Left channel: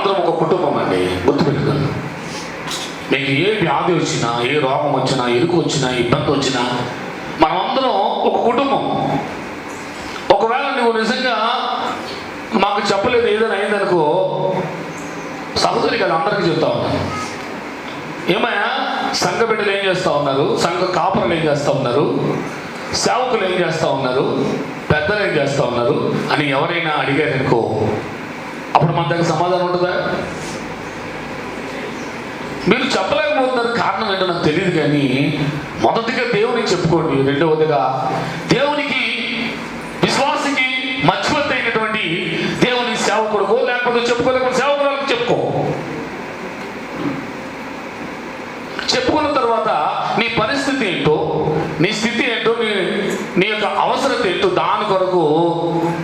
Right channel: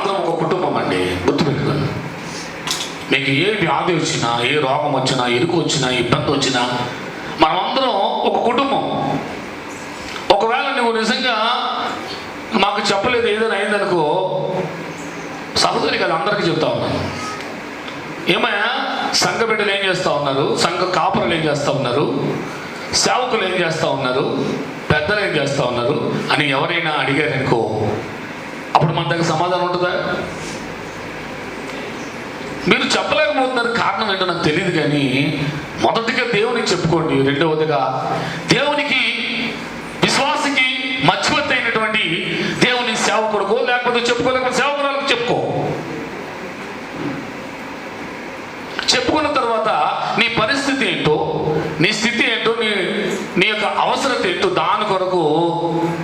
ఒక కుటుంబం అండి, గుర్తుపెట్టుకోండి. మీకు ఏ వ్యాధి వచ్చినా, ఏ రోగం వచ్చినా, ఎరుకు వచ్చినా, ఇబ్బంది వచ్చినా, మనమందరం ఒక కుటుంబం. ఒకవేళ నువ్వు నిజంగా మాకు చెప్పలేదు ఏదైనా అయిందనుకో, సహోదరి కదా అందరికీ చెప్తా ఉన్నాను. ఏమయ్యా సంఘ బిడ్డలు ఏం చేస్తూ ఉన్నారు, సంఘ కాపురలు ఏం చేస్తూ ఉన్నారు, సేవకులు ఏం చేస్తూ ఉన్నారు, పెద్దలు ఏం చేస్తూ ఉన్నారు అని ఎవరైనా అడిగారనుకో, అప్పుడు మన దగ్గర సమాధానం ఉంటుందా? మీరు చెప్పలేకపోతున్నారు. కారణం ఏంటో నాకు తెలియదు, కానీ మొదటిగా దేవునికి చెప్పుకోండి. రెండవదిగా దేవునికి విశ్వాసకి మధ్యవర్తి అయినటువంటి దేవుని సేవకుడుకో, లేకపోతే చెప్పుకోలేకపోతే సేవకురాలకు చెప్పుకో. చెప్పుకున్న తర్వాత నీ పరిస్థితి ఏంటో, నీ స్థితి ఏంటో, నీ యొక్క అవసరత ఏంటో దాని కొరకు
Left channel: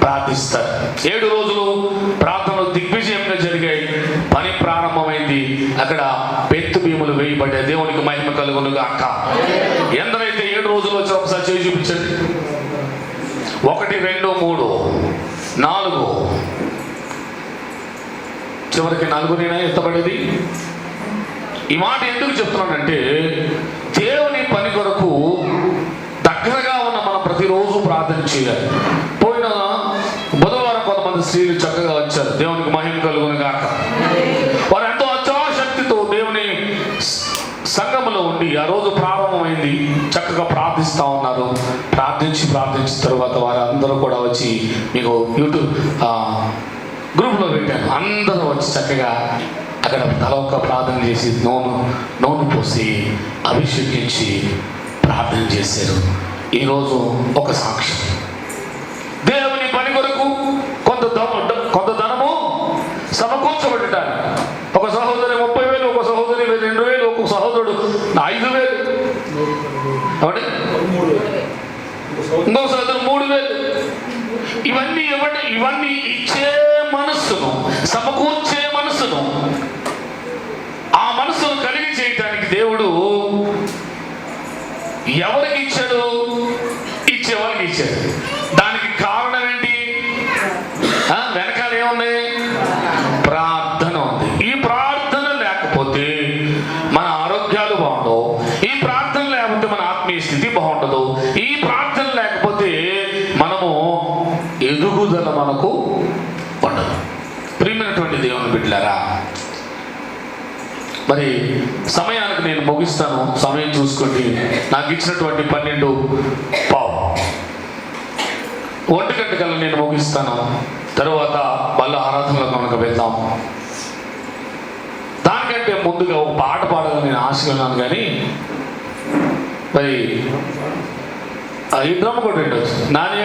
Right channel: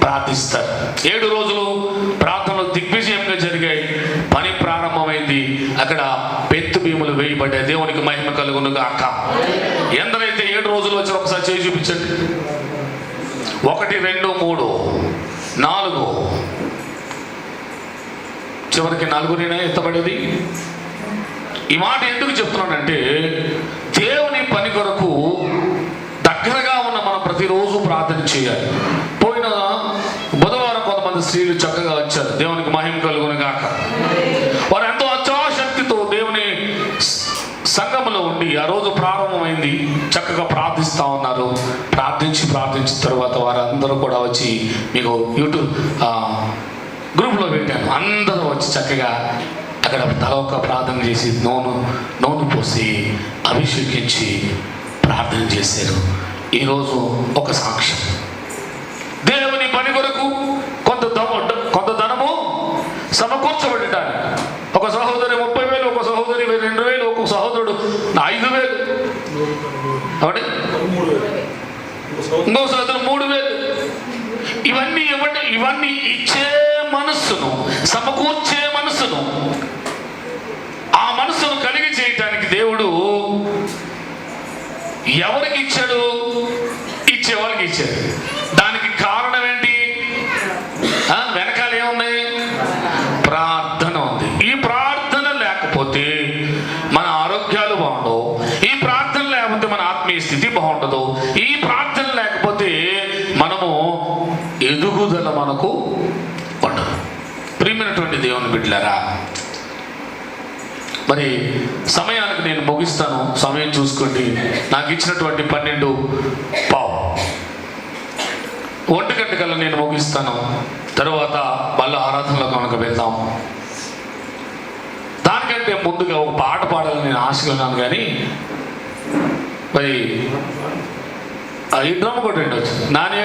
ప్రార్థిస్తారు. 7 రోజులు ప్రార్థనలు దిగ్విజయంగా జరిగాయి. పని ప్రారంభమైంది. అక్కడ పెత్తు భీములు వేయబడ్డాయి. దేవునికి మహిమ కలుగును గాక. ఎందరైతే 7 రోజులు వచ్చి ఒకసారి చేయి చూపించండి. 1 2 3 4 చివరికి 4 ఎత్తబడేది. ఈ మాట ఎందుకు చెప్తున్నానంటే, దేవుని పని కొరకు దగ్గరగా ఉన్న మనం ప్రతిరోజు ప్రార్థన చేయాలి. పోయిన బుధవారం కొంతమంది స్త్రీలు చక్కగా వచ్చారు. దేవునికి మహిమ కలుగును గాక. వారు ఎంతో అత్యాశక్తితో దేవుని సంఘములో ఉండి ఆ రోజు ప్రారంభమైంది. చక్కగా ప్రార్థిస్తూ ఉన్నారు. ప్రార్థించిన తర్వాత వారు అందరూ కూడా వచ్చి, మీకు యూట్యూబ్ గ్రూప్లో పెట్టాను. అందరూ వచ్చి చక్కగా అక్కడ తలొక్క ప్రార్థన చేసి నూనె పోసి అభిషేకించి ప్రార్థన చేశారు. ఈరోజు ఒక సాక్ష్యం. దేవుని పని కొరకు కొంత ధనము సమకూర్చబడ్డారు. ఒక సహోదరి 30,000, ఒక సహోదరి 2,000, ఒక సహోదరుడు 5,000, ఇంకో సహోదరు 3,000. ఇవన్నీ ఇవ్వండి. ఇవన్నీ ఇచ్చే మనస్సును, సమకూర్చే మనస్సును, ఆ మనస్సును కలిగి చేయటానికి దేవుడు ఎవరికి ఇచ్చాడు? ఇచ్చేవారికి ఇచ్చాడు. దానికి కారణం ఏంటి? వెనకాల ఏమున్నాయి? ప్రార్థన ఉంది. ఈ ప్రార్థన లేకపోతే మన ఆరోగ్యాలు బాగుండవు. ఈ ప్రార్థన లేకపోతే మన ఆత్మీయ స్థితి బాగుండదు. ఈ ప్రార్థన లేకపోతే మనము ఎదుగుదల మనకు ఉండదు. ప్రియమైనటువంటి దేవుని బిడ్డలారా, మరి సమయానికి నేను ముగిస్తాను. సమయం చూసుకోండి. నాకు ఇచ్చినటువంటి 12:15 1 గంట కల్లా నేను ముగిస్తాను. తర్వాత మళ్ళీ ఆరాధనలో కనుక వెళ్దాం. దానికంటే ముందుగా ఒక పాట పాడాలని నేను ఆశగా ఉన్నాను, కానీ మరి ఈ డ్రమ్ కూడా ఉండొచ్చు. నాని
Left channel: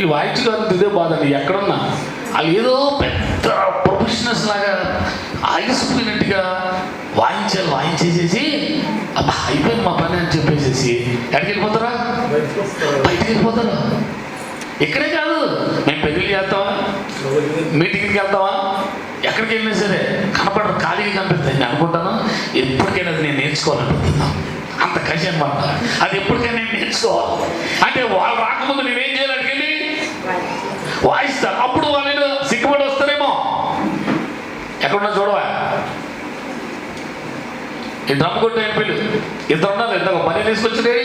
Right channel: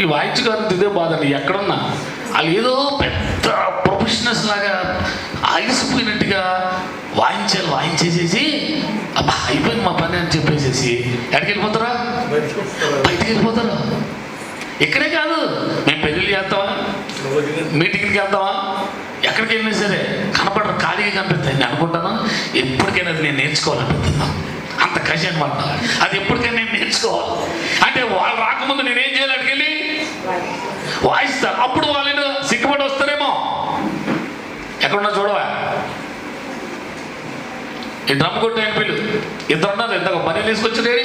ఈ వాయిద్య గారు ఇదే బాధ. ఎక్కడున్నా వాళ్ళు ఏదో పెద్ద ప్రొఫెషనల్స్ లాగా ఆగిసిపోయినట్టుగా వాయించేసేసి అబ్బా అయిపోయింది మా పని అని చెప్పేసేసి ఎక్కడికి వెళ్ళిపోతారా? బయటికి వెళ్ళిపోతారా? ఇక్కడే కాదు, మేము పెళ్ళిళ్ళు చేస్తావా, మీటింగ్కి వెళ్తావా, ఎక్కడికి వెళ్ళినా సరే కనపడరు, ఖాళీగా కనిపిస్తుంది. నేను అనుకుంటాను ఎప్పటికైనా అది నేను నేర్చుకోవాలనిపిస్తుందా, అంత కష్టం అనమాట. అది ఎప్పటికైనా నేను నేర్చుకోవాలి అంటే వాళ్ళు రాకముందు నేనేం చేయాలి? అక్కడికి వెళ్ళి వాయిస్తాను. అప్పుడు వాళ్ళు సిగ్గుపడి వస్తారేమో. ఎక్కడున్నా చూడవా, ఈ డ్రమ్ కొట్టు అయిపోయి ఇద్దరు ఉన్నారు. ఇందాక పని తీసుకొచ్చాడు,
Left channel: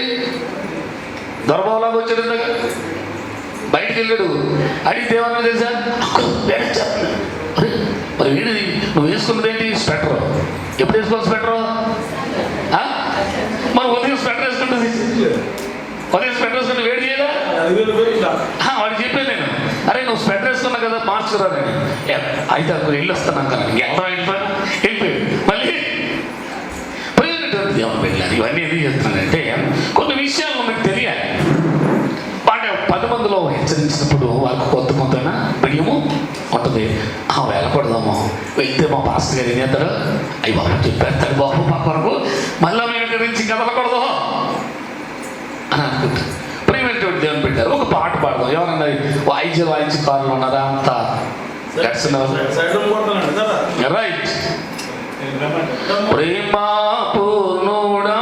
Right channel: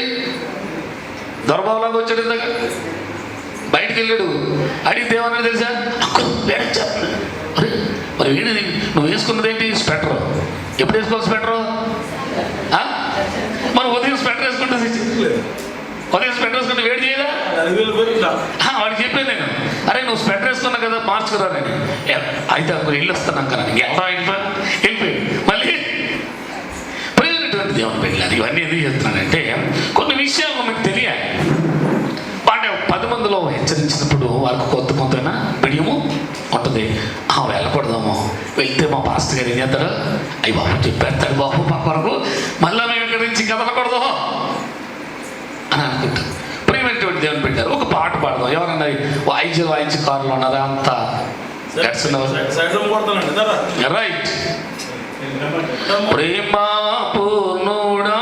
దొరబాబులాగా వచ్చాడు. ఇందాక బయటికి వెళ్ళాడు. అడిగితే ఏమన్నా తెలుసా? మరి వీడి నువ్వు వేసుకున్నది ఏంటి? స్వెటర్. ఎప్పుడు వేసుకోవాలి స్వెటర్? మరి ఉదయం స్వెటర్ వేసుకుంటే వేడి చేయాలా? వాడికి చెప్పాను నేను, అరే నువ్వు స్వెటర్ వేసుకున్నా కదా, మార్చుకురా. నేను అయితే అప్పుడు వెళ్ళి వస్తాను కదా. ఎలా వెళ్ళిపోయి మళ్ళీ దేవుని వెళ్ళాలి. ఇవన్నీ ఎందుకు చెప్తున్నానంటే, కొన్ని విషయాలు మీకు తెలియాలి. వాటి 10 మందిలో హెచ్చరించినప్పుడు వాళ్ళకు కొంత బియ్యము ఉంటుంది. వెళ్ళకూడదాము, వెళ్తే మా పాస్టర్ గారు ఏం చేస్తారు? అయ్యి బాబు చెప్పేస్తాడు బాబు మా కొరకు, మళ్ళీ మేము ఇక్కడి నుంచి కదలకూడదు అని అనుకుంటారు. ప్రియమైనటువంటి దేవుని పెట్టారు. ఒక పాట పాడదాం. ఎవరన్నా వాయించి కార్లు ఉన్నారా? అంతా రైట్. ప్రేమా పూర్ణుడా,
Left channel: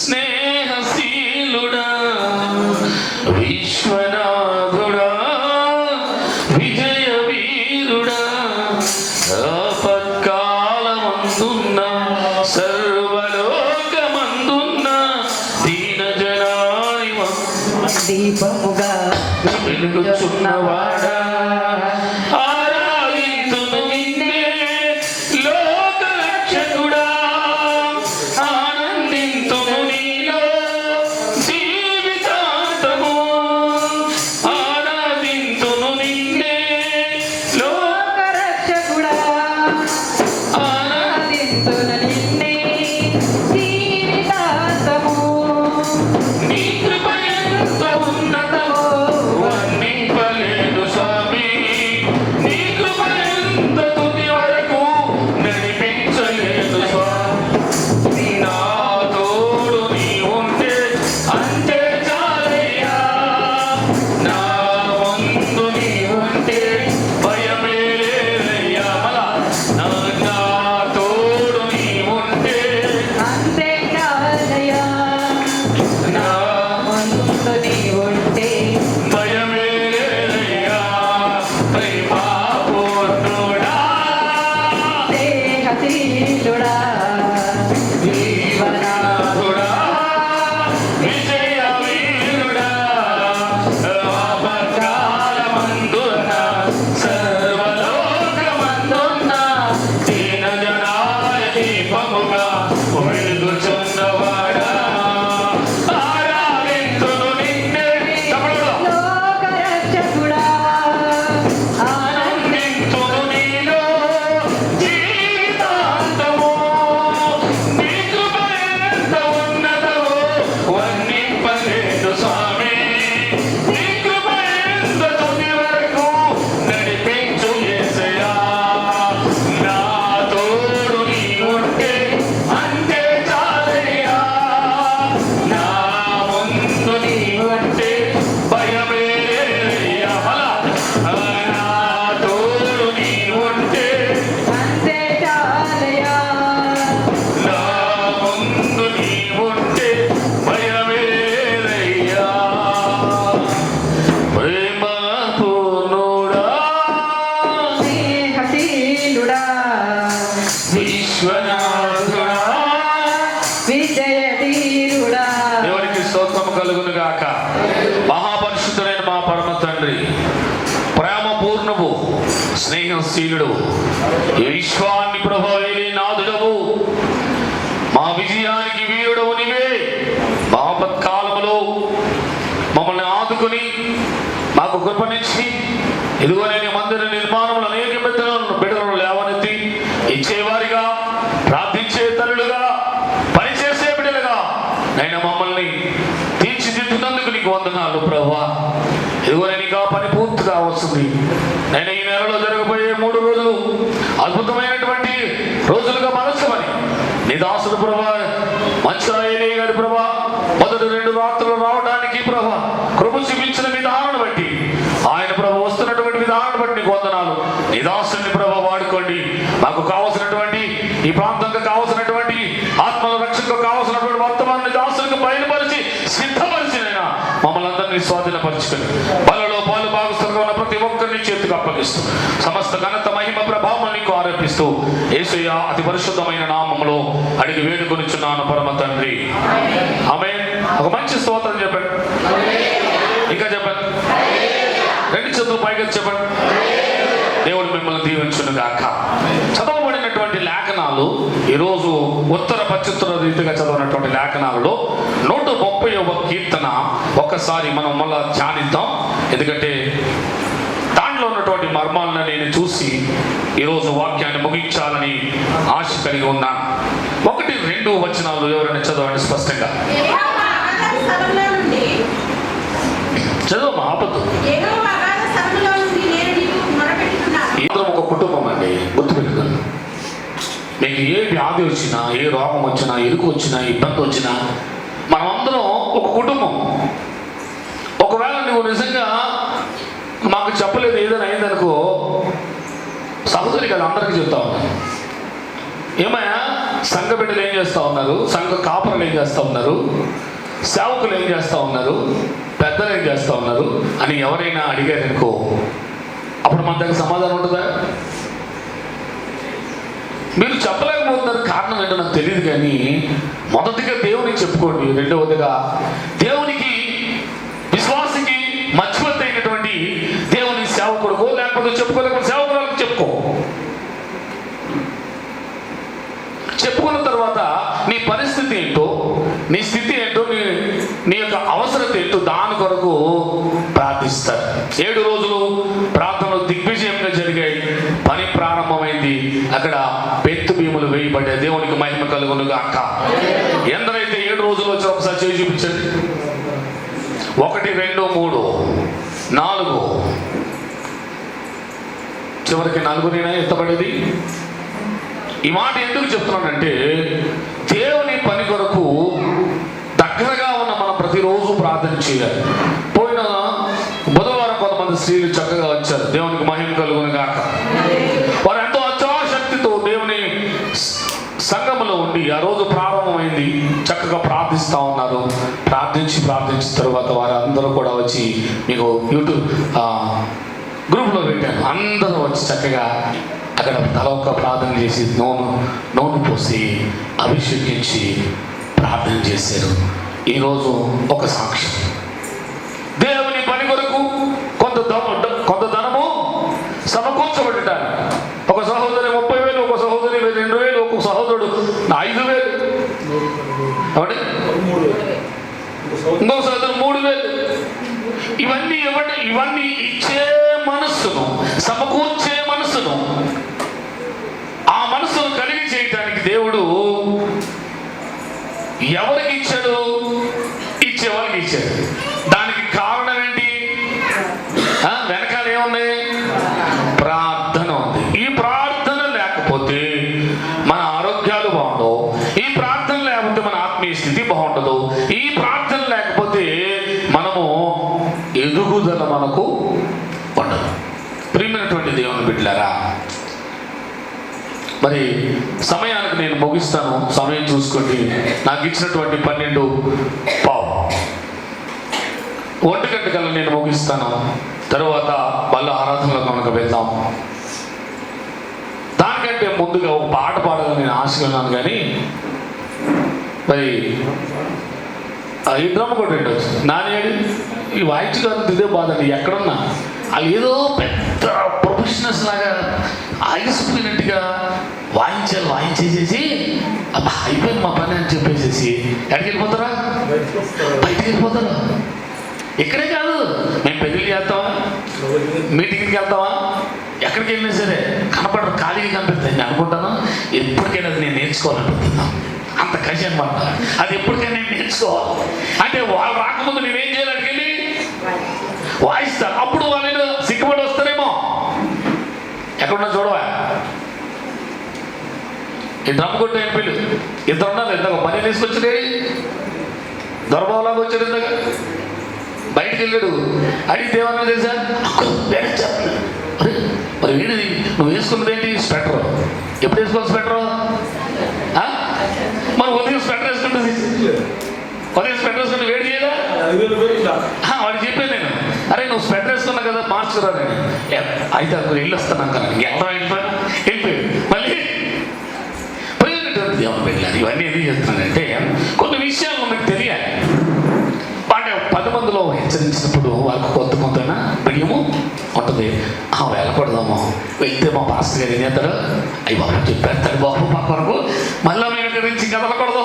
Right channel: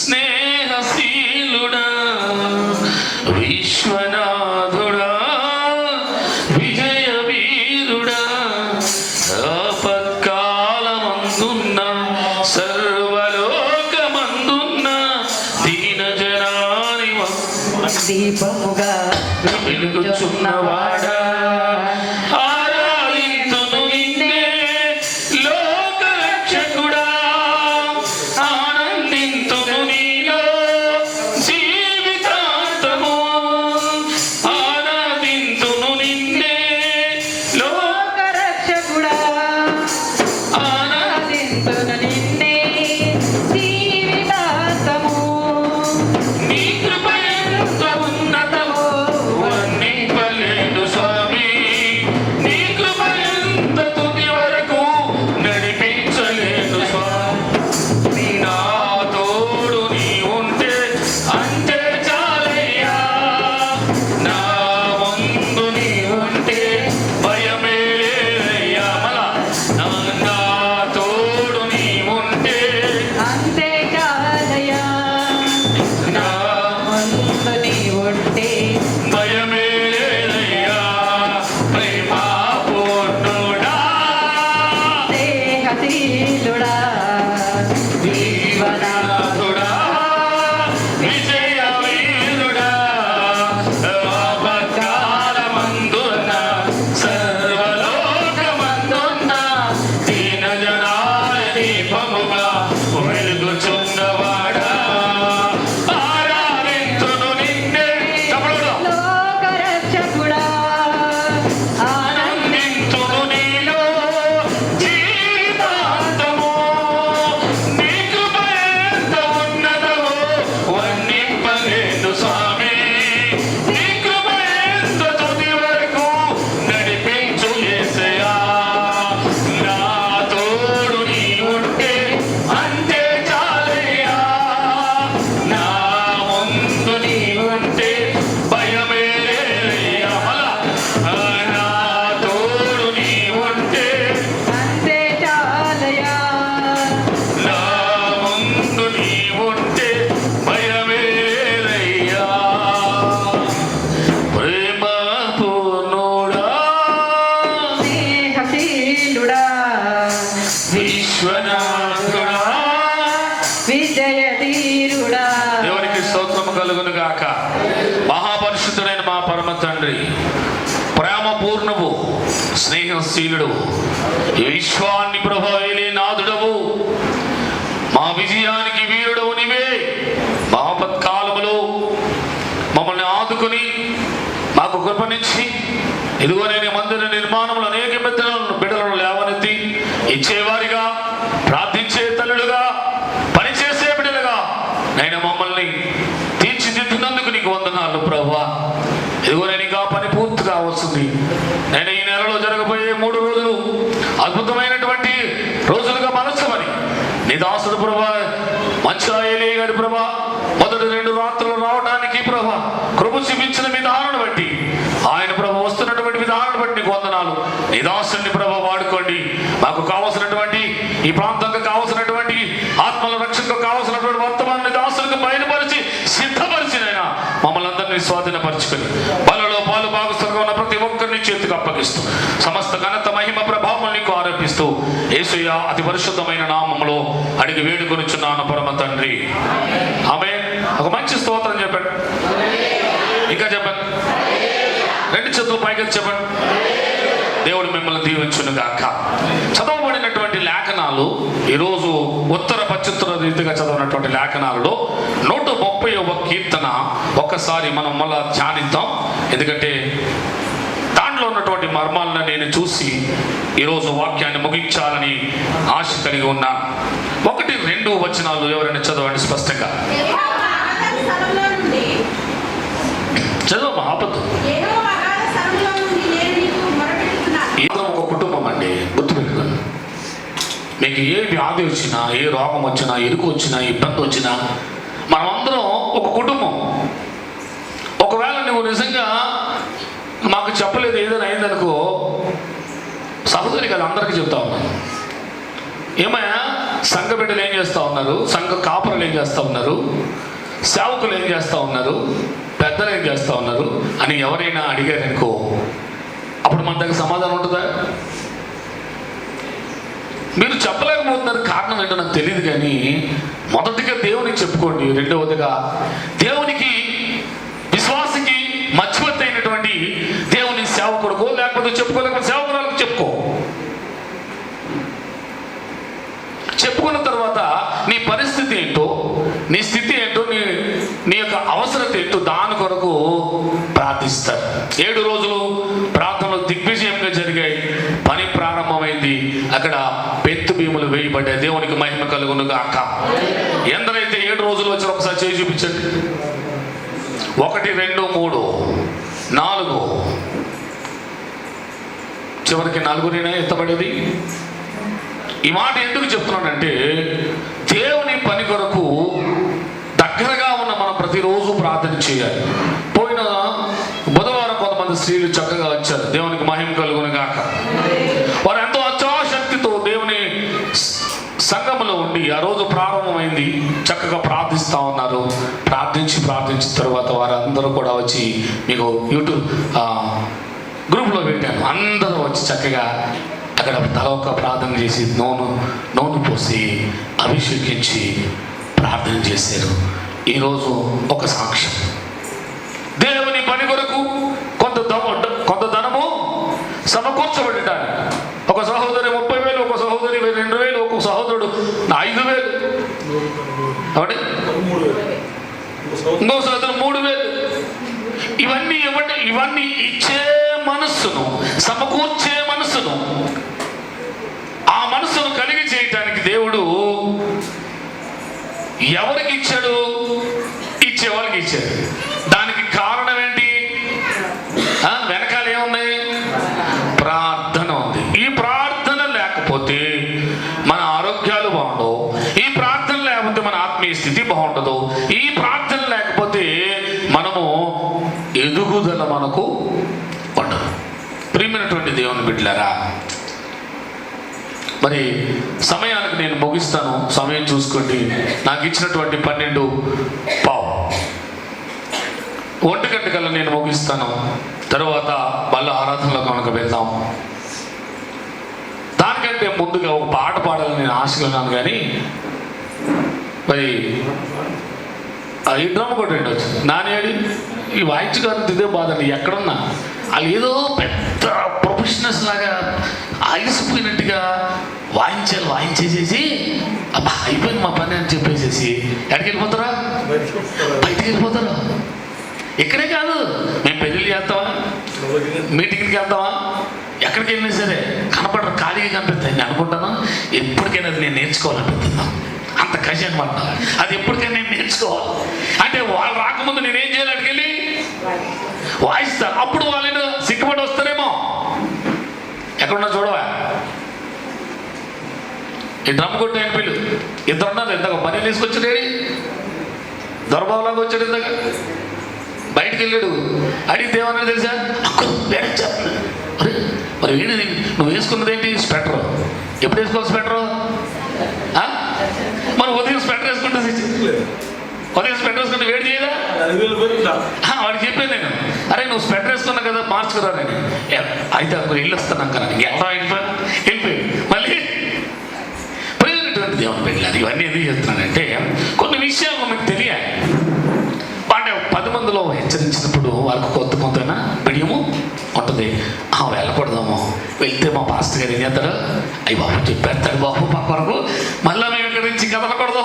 స్నేహశీలుడా, విశ్వనాథుడా, విజయ వీరుడా, మందున్న సర్వలోకమందున్న దీన జనాని దీపముగా వెలుగుచున్నవాడా ఆరాధింతును నిన్నే లోకరక్షకుడా ఆనందింతును నీలో జీవితాంతము ఆరాధింతును నిన్నే లోకరక్షకుడా ఆరాధింతును నిన్నే జీవితాంతము నీ కృప ఎంత ఉన్నతమో వర్ణింపలేను స్వామి నీ కృప ఎంత తుది వరకు నడిపించలేను స్వామి నా తోడు నీ ఉంటే అంతే చాలయ్యా నా ముందు నీ ఉంటే భయమే లేదయ్యా నా తోడు నీ ఉంటే అంతే కాదయ్యా నా ముందు నీ ఉంటే భయమే లేదయ్యా ప్రేమపూర్ణుడా దేహశీలుడా జీవనాథుడా విజయ వీరుడా ఆపత్కాలమందున సర్వలోకమందున దీన జనాల దీపముగా వెలుగుచున్నవాడా ఆరాధింతును నిన్నే తమ్ముడుగా లోకరక్షకుడా ఆనందింతును నీలో జీవితాంతము నీ కృప ఎంత ఉన్నతమో వర్ణింపలేను స్వామి నీ కృప ఎంత తుది వరకు నడిపించు యేసయ్యా నా తోడు నీ ఉంటే అంతే చాలయ్యా నా ముందు నీ ఉంటే భయమే లేదయ్యా నా తోడు నీ ఉంటే అంతే చాలయ్యా నా ముందు నీ ఉంటే భయమే లేదయ్యా ప్రేమ పూర్ణుడా దేహశీలుడా విశ్వనాథుడా విజయధీరుడా దేవునికి స్తోత్రము కలుగును గాక. మహాపరిశుద్ధుడైన మా పరమ తండ్రి, ప్రేమ పూర్ణము, స్నేహశీలుడు, ఈ విశ్వాన్ని ప్రభావిలే నాదుడవు, మా విజయానికి వీరుడవు నీవే. మా ఆపత్కాలములో మమ్మల్ని ఆదుకొని మాకు కృపనిచ్చి ఇదిగో నేను మందిర నిర్మాణంలో అనేక బిడ్డలను లేవనెత్తి ఇచ్చేవారిగా, ప్రార్థించే తల్లులుగా, పనిచేసే బిడ్డలుగా నేను మమ్మల్ని తీర్చిదిద్దునందుకు నీకు వందనాలు ప్రభువా. ఇదిగో నేను ఇంకా పని పూర్తిగా వస్తుంది. నేను ఈ నెలలో జరగబోయే 3 రోజులు అద్భుతమైనటువంటి రోజులుగా మలచమని నీ దాసుడు ప్రభా మంచిరాయలే గారి ప్రభా మొదటి 2 రాత్రులు రావడానికి ప్రభా కృప చూపించిన విధానాన్ని బట్టి, ఆయన ప్రభా వస్తున్నటువంటి విధానాన్ని బట్టి నీకు వందనాలు. నీ దాసుని ప్రభా వాడుకోండి. మాకు కావలసినటువంటి ఈ ప్రాంతంలో కావలసినటువంటి ఆత్మల రక్షణకు కావలసినటువంటి వర్తమానాన్ని దాసునికి బయలుపరిచి సిద్ధపరిచినైనా మమ్మల్ని అందరినీ స్వాధీనపరచుకుని పనులలో పాలు భాగస్థులుగా ఉన్న ప్రతి ఒక్కరిని చేతికి అప్పగిస్తూ సమస్త ఘనత మహిమ ప్రభావం నీకు ఆరోపిస్తూ యేసయ్య అతి పరిశుద్ధమైన నామములో అడిగి వేడుకొనుచున్నాను పరమ తండ్రి. ఆమేన్. ఒక మంచి స్తోత్రం చెప్పండి. ఇంకా చెప్పండి. 2 చేతులు పైకి చెప్పండి. దేవుడు మిమ్మల్ని దీవించును గాక. చదవబడినటువంటి లేఖనాలు ఈరోజు ఉత్తర పశ్చిత్తర రీతిగా చదవనటువంటి లేఖనాలలో 130వ కీర్తన ఒక్కసారి మనం మళ్ళా ధ్యానిద్దాం. ఎందుకంటే దాంట్లో ఉన్నటువంటి మర్మాలను నేను చూసి ఈరోజు వాక్యాన్ని ముగించాలని ఆశ కలిగి ఉన్నాను. 1-2 వచనాలు ఎవరైనా చదవండి స్పష్టంగా. చదువు ఆపద్దు. ఏదో ఒక కుటుంబం అండి, గుర్తుపెట్టుకోండి. మీకు ఏ వ్యాధి వచ్చినా, ఏ రోగం వచ్చినా, ఇరుకు వచ్చినా, ఇబ్బంది వచ్చినా, మనమందరం ఒక కుటుంబం. ఒకవేళ నువ్వు నిజంగా మాకు చెప్పలేదు ఏదైనా అయిందనుకో, సహోదరి కదా అందరికీ చెప్తా ఉన్నాను. ఏమయ్యా సంఘ బిడ్డలు ఏం చేస్తూ ఉన్నారు, సంఘ కాపురలు ఏం చేస్తూ ఉన్నారు, సేవకులు ఏం చేస్తూ ఉన్నారు, పెద్దలు ఏం చేస్తూ ఉన్నారు అని ఎవరైనా అడిగారనుకో, అప్పుడు మన దగ్గర సమాధానం ఉంటుందా? మీరు చెప్పలేకపోతున్నారు, కారణం ఏంటో నాకు తెలియదు. కానీ మొదటిగా దేవునికి చెప్పుకోండి, రెండవదిగా దేవునికి విశ్వాసకి మధ్యవర్తి అయినటువంటి దేవుని సేవకుడుకో, లేకపోతే చెప్పుకోలేకపోతే సేవకురాలకు చెప్పుకో. చెప్పుకున్న తర్వాత నీ పరిస్థితి ఏంటో, నీ స్థితి ఏంటో, నీ యొక్క అవసరత ఏంటో దాని కొరకు ప్రార్థిస్తారు. 7 రోజులు ప్రార్థనలు దిగ్విజయంగా జరిగాయి. పని ప్రారంభమైంది. అక్కడ పెత్తు భీములు వేయబడ్డాయి. దేవునికి మహిమ కలుగును గాక. ఎందరైతే 7 రోజులు వచ్చి ఒకసారి చేయి చూపించండి. 1 2 3 4 చివరికి 4 ఎత్తబడేది. ఈ మాట ఎందుకు చెప్తున్నానంటే, దేవుని పని కొరకు దగ్గరగా ఉన్న మనం ప్రతిరోజు ప్రార్థన చేయాలి. పోయిన బుధవారం కొంతమంది స్త్రీలు చక్కగా వచ్చారు. దేవునికి మహిమ కలుగును గాక. వారు ఎంతో అత్యాశక్తితో దేవుని సంఘములో ఉండి ఆ రోజు ప్రారంభమైంది. చక్కగా ప్రార్థిస్తూ ఉన్నారు. ప్రార్థించిన తర్వాత వారు అందరూ కూడా వచ్చి, మీకు యూట్యూబ్ గ్రూప్లో పెట్టాను. అందరూ వచ్చి చక్కగా అక్కడ తల ఒక్క ప్రార్థన చేసి నూనె పోసి అభిషేకించి ప్రార్థన చేశారు. ఈరోజు ఒక సాక్ష్యం. దేవుని పని కొరకు కొంత ధనము సమకూర్చబడ్డారు. ఒక సహోదరి 30,000, ఒక సహోదరి 2,000, ఒక సహోదరుడు 5,000, ఇంకో సహోదరు 3,000. ఇవన్నీ ఇవ్వండి. ఇవన్నీ ఇచ్చే మనస్సును, సమకూర్చే మనస్సును, ఆ మనస్సును కలిగి చేయటానికి దేవుడు ఎవరికి ఇచ్చాడు? ఇచ్చేవారికి ఇచ్చాడు. దానికి కారణం ఏంటి? వెనకాల ఏమున్నాయి? ప్రార్థన ఉంది. ఈ ప్రార్థన లేకపోతే మన ఆరోగ్యాలు బాగుండవు. ఈ ప్రార్థన లేకపోతే మన ఆత్మీయ స్థితి బాగుండదు. ఈ ప్రార్థన లేకపోతే మనము ఎదుగుదల మనకు ఉండదు. ప్రియమైనటువంటి దేవుని బిడ్డలారా, మరి సమయానికి నేను ముగిస్తాను. సమయం చూసుకోండి. నాకు ఇచ్చినటువంటి 12:15 1 గంట కల్లా నేను ముగిస్తాను. తర్వాత మళ్ళీ ఆరాధనలో కనుక వెళ్దాం. దానికంటే ముందుగా ఒక పాట పాడాలని నేను ఆశగా ఉన్నాను. కానీ మరి ఈ డ్రమ్ కూడా ఉండొచ్చు. నాని అడి ఈ వాయిద్య గారు ఇదే బాధ. ఎక్కడున్నా వాళ్ళు ఏదో పెద్ద ప్రొఫెషనల్స్ లాగా ఆగిసిపోయినట్టుగా వాయించేసేసి అబ్బా అయిపోయింది మా పని అని చెప్పేసేసి ఎక్కడికి వెళ్ళిపోతారా? బయటికి వెళ్ళిపోతారా? ఇక్కడే కాదు, మేము పెళ్ళిళ్ళు చేస్తావా, మీటింగ్కి వెళ్తావా, ఎక్కడికి వెళ్ళినా సరే కనపడరు, ఖాళీగా కనిపిస్తాయి. నేను అనుకుంటాను ఎప్పటికైనా అది నేను నేర్చుకోవాలనుకుంటున్నా. అంత కష్టం అనమాట. అది ఎప్పటికైనా నేను నేర్చుకోవాలి. అంటే వాళ్ళు రాకముందు నేనేం చేయాలి? అక్కడికి వెళ్ళి వాయిస్తాను. అప్పుడు వాళ్ళు సిగ్గుపడి వస్తారేమో. ఎక్కడున్నా చూడవా, ఈ డ్రమ్ కొట్టు అయిపోయి 2 ఉన్నారు. ఇందాక పని తీసుకొచ్చాడు, దొరబాబులాగా వచ్చాడు. ఇందాక బయటికి వెళ్ళాడు. అడిగితే ఏమన్నా తెలుసా? మరి ఏంటి నువ్వు వేసుకున్నది ఏంటి? స్వెటర్. ఎప్పుడు వేసుకోవాలి స్వెటర్? మరి ఉదయం స్వెటర్ వేసుకుంటే వేడి చేయలే? వాడికి చెప్పాను నేను, అరే నువ్వు స్వెటర్ వేసుకున్నా కదా మార్చుకురా. నేను అయితే అప్పుడు వెళ్ళి వస్తాను కదా. ఎలా వెళ్ళిపోయి మళ్ళీ దేవుని వెళ్ళాలి. ఇవన్నీ ఎందుకు చెప్తున్నానంటే కొన్ని విషయాలు మీకు తెలియాలి. వాటి 10 మందిలో హెచ్చరించినప్పుడు వాళ్ళకు కొంత బియ్యము ఉంటుంది. వెళ్ళకూడదాము, వెళ్తే మా పాస్టర్ గారు ఏం చేస్తారు? అయ్యి బాబు చెప్పేస్తాడు బాబు మా కొరకు, మళ్ళీ మేము ఇక్కడి నుంచి కదలకూడదు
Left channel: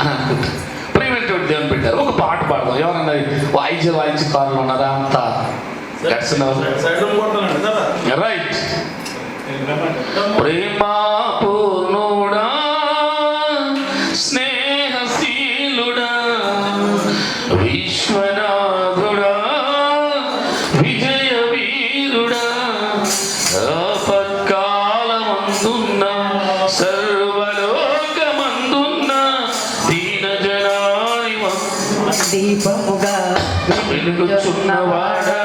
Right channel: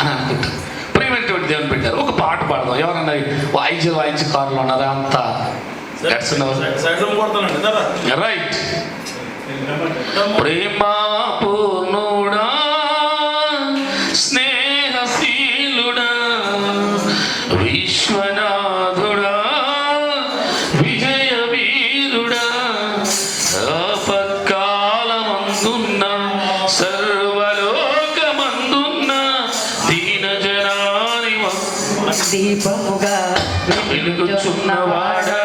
అని అనుకుంటారు. ప్రియమైనటువంటి దేవుని పెట్టారు. ఒక పాట పాడదాం. ఎవరన్నా వాయించి కార్లు ఉన్నారా? అంతా రైట్. ప్రేమా పూర్ణుడా, స్నేహశీలుడా, విశ్వనాథుడా, విజయ వీరుడా, ఆపత్కాలమందున్న సర్వలోకమందున్న దీనజనాని దీపముగా వెలుగుచున్నవాడా,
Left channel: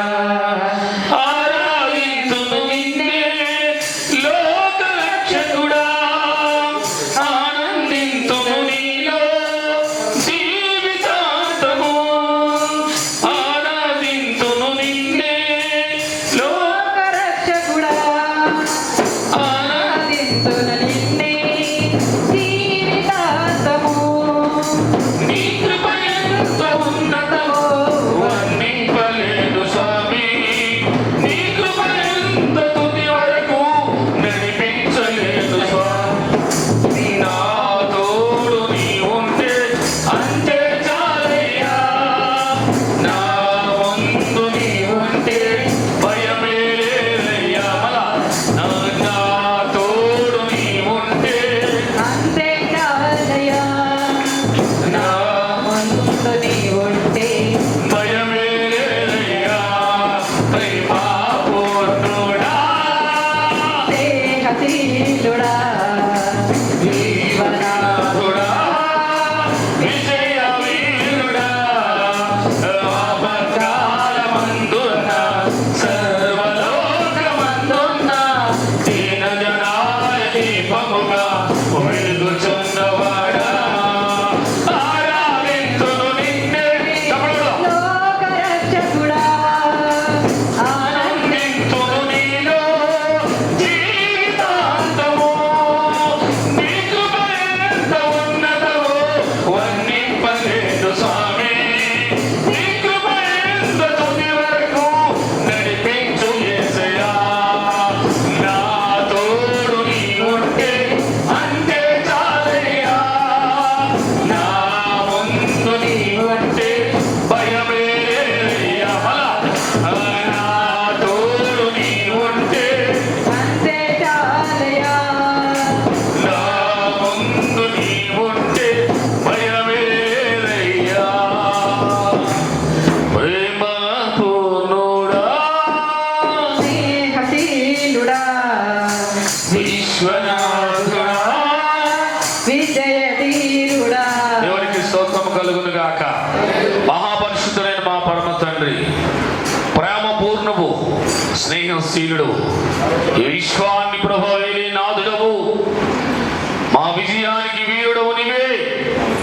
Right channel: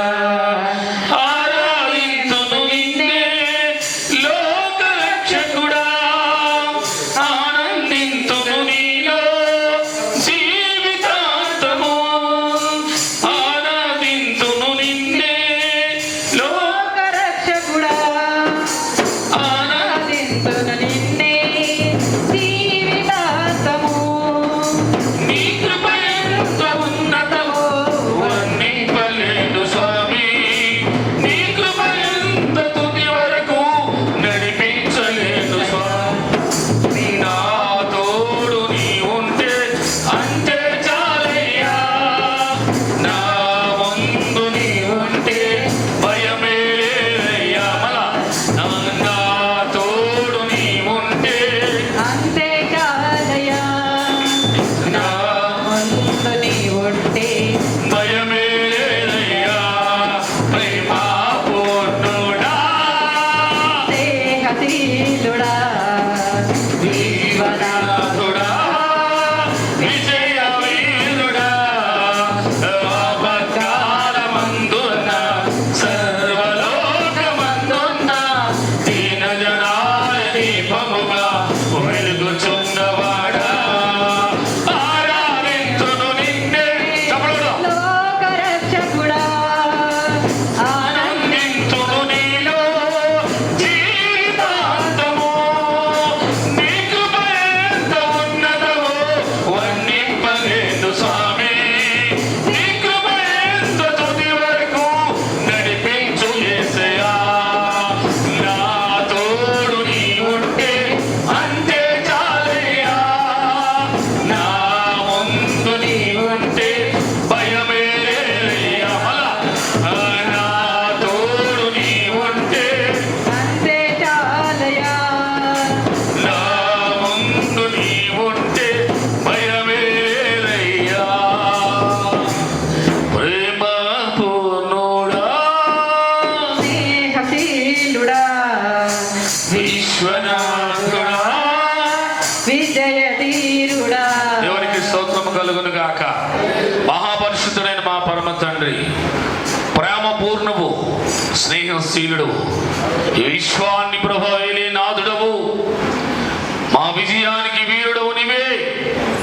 విజయానికి వీరుడవు నీవే.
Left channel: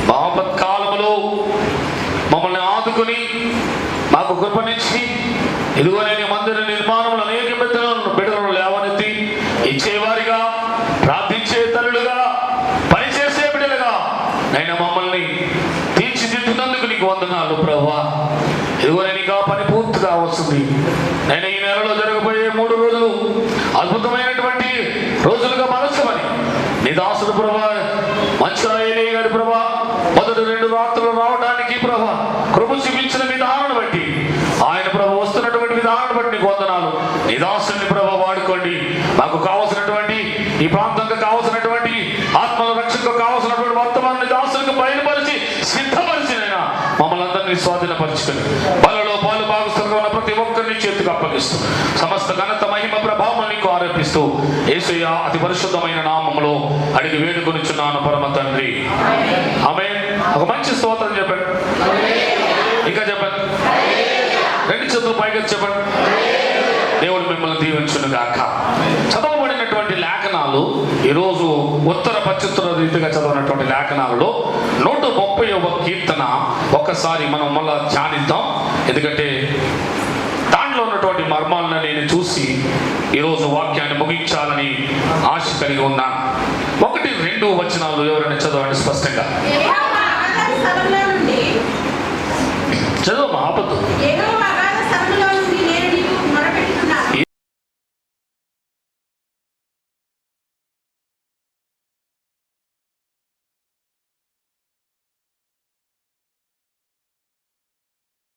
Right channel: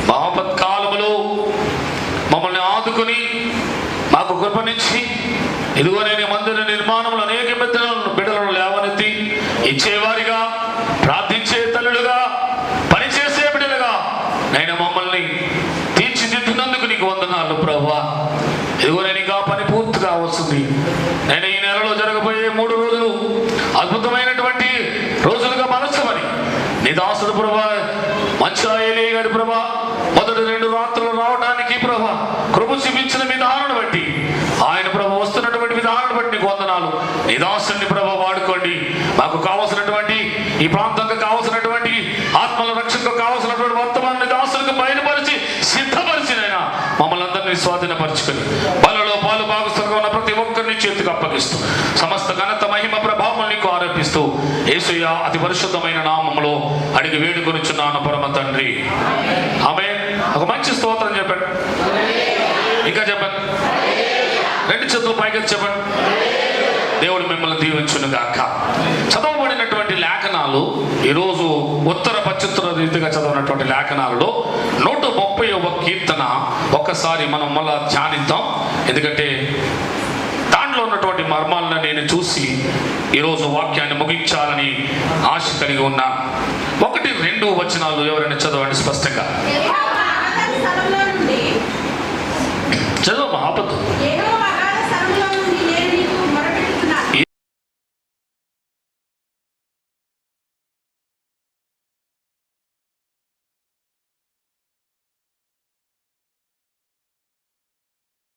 మా ఆపత్కాలంలో మమ్మల్ని ఆదుకుని మాకు కృపనిచ్చి ఇదిగో నేను మందిర నిర్మాణంలో అనేక బిడ్డలను లేవనెత్తి ఇచ్చేవారిగా, ప్రార్థించే తల్లులుగా, పనిచేసే బిడ్డలుగా నేను మమ్మల్ని తీర్చిదిద్దునందుకు నీకు వందనాలు ప్రభువా. ఇదిగో నేను ఇంకా పని పూర్తిగా వస్తుంది. నేను ఈ నెలలో జరగబోయే 3 రోజులు అద్భుతమైనటువంటి రోజులుగా మలచమని నీ దాసుడు ప్రభువా మంచిరాయలే గారి ప్రభువా మొదటి 2 రాత్రులు రావడానికి ప్రభువా కృప చూపించిన విధానాన్ని బట్టి, ఆయన ప్రభు వస్తున్నటువంటి విధానాన్ని బట్టి నీకు వందనాలు. నీ దాసుని ప్రభు వాడుకోండి. మాకు కావలసినటువంటి ఈ ప్రాంతంలో కావలసినటువంటి ఆత్మల రక్షణకు కావలసినటువంటి వర్తమానాన్ని దాసులకు బయలుపరిచి సిద్ధపరిచినైనా మమ్మల్ని అందరినీ స్వాధీనపరచుకుని పనులలో పాలు భాగస్థులుగా ఉన్న ప్రతి ఒక్కరిని చేతికి అప్పగిస్తూ సమస్త ఘనత మహిమ ప్రభావం నీకు ఆరోపిస్తూ యేసయ్య అతి పరిశుద్ధమైన నామములో అడిగి వేడుకొనుచున్నాను పరమ తండ్రి. ఆమేన్. ఒక మంచి స్తోత్రం చెప్పండి. ఇంకా చెప్పండి. 2 చేతులు పైకి చెప్పండి. దేవుడు మిమ్మల్ని దీవించును గాక. చదవబడినటువంటి లేఖనాలు ఈరోజు ఉత్తర పశ్చిమ రీతిగా చదవనటువంటి లేఖనాలలో 130వ కీర్తన ఒక్కసారి మనం మళ్ళా ధ్యానిద్దాం. ఎందుకంటే దాంట్లో ఉన్నటువంటి మర్మాలను నేను చూసి ఈరోజు వాక్యాన్ని ముగించాలని ఆశ కలిగి ఉన్నాను. 1-2 వచనాలు ఎవరైనా చదవండి స్పష్టంగా. చదువు ఆపద్దు.